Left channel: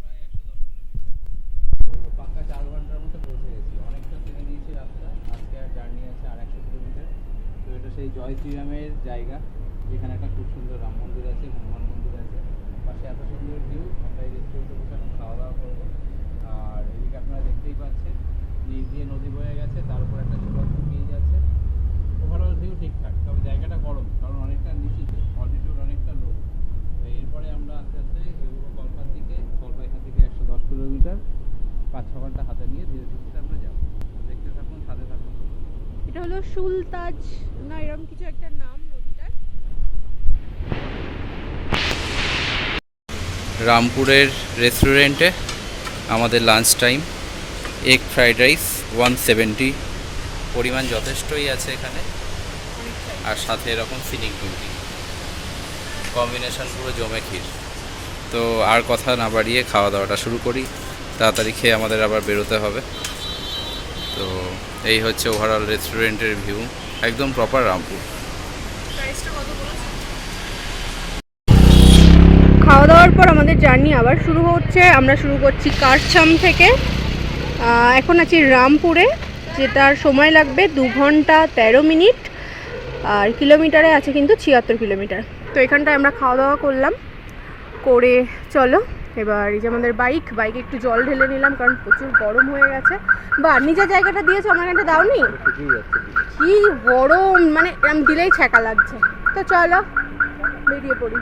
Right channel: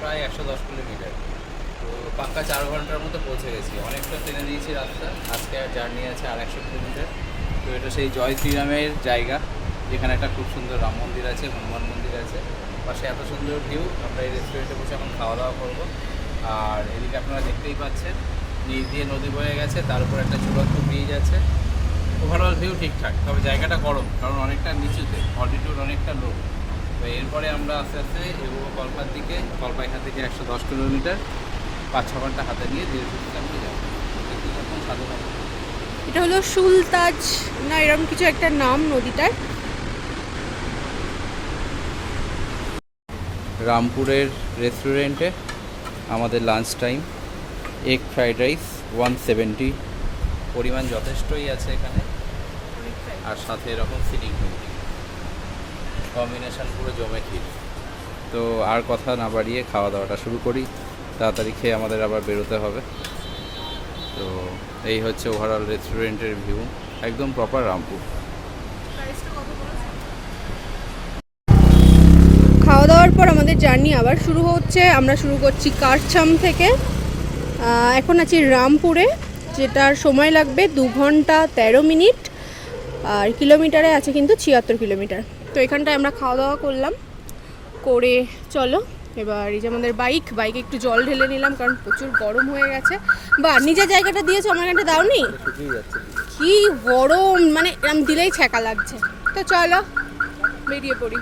প্রায় 110 কিলোমিটার। তো পাক্কা 4 ঘন্টার মতো পৌঁছে গেছি। অনেকটা টেনে দিয়েছি রাস্তা। আজকে আর জার্নি আছে আর 100 কিলোমিটার। তো এটা সেই জয় শ্রীরামের জায়গা, যেখানে একটা খুব সুন্দর রাম মন্দির আছে, হনুমান মন্দির আছে, পাশে এত সুন্দর ভিউ। আমরা এই রেস্টুরেন্টে বসে এখন খাওয়া দাওয়া করবো। আর এদিকে আপনারা দেখতেই পাচ্ছেন নিচ দিয়ে নদী বয়ে গেছে, তার উপর একটা ঝুলন্ত ব্রিজ আছে। ওভারঅল ভিউ ঠিকঠাক, তবে জায়গাটা গরম, কারণ অনেকটা নিচুতে, অল্টিটিউড অনেকটা লো। তো এরপরে আমরা আস্তে আস্তে এগোবো কল্পার দিকে। কল্পা এখান থেকে 110 কিলোমিটার, 5-6 ঘন্টা হাতে নিয়ে ধীরে ধীরে আমরা যাবো। দেখতে থাকুন, সাথে থাকুন। এটা হলো সুলতাজ না এরকম কিছু একটা নাম নদীটার। রামপুরের রেস্টুরেন্টে আমাদের lunch time. Egg fried rice 170, পরিমাণ যথেষ্টই আছে এখানে। আর সাথে এরকম ফিলিং টুমটি, কম্বিনেশন পুরো জমে ক্ষীর। তো আর কথা না বাড়িয়ে খাওয়া দাওয়াটা শুরু করি। তাড়াতাড়ি খেয়ে আমাদের আবার বেরোতে হবে। তো এই হচ্ছে ওভারঅল রেস্টুরেন্টের ভিউ, একদম প্রপার রামপুর। খাওয়া দাওয়ার পর আমাদের জার্নি আবার শুরু হচ্ছে। আমরা শুরু করছি কারছাম থেকে। এখন আছি রামপুরে, যেটার সময় লাগবে 2 ঘন্টা 13 মিনিট। আর কিলোমিটারে আছে কিন্তু 76 কিলোমিটার। তো এখানটায় আমরা খাওয়া দাওয়া করলাম করে চলো এবার এই যে আমাদের বাইকে একটু জল ঢেলে নিলাম, কারণ প্রচুর গরম হয়ে গেছে। বা নিজের জায়গাটা দিয়েছো, আমার এখানটা দাওনি। কি গরম, মানে এরম দিলেই ছ্যাঁকা লাগছে। তো চলো বেরিয়ে পড়ি।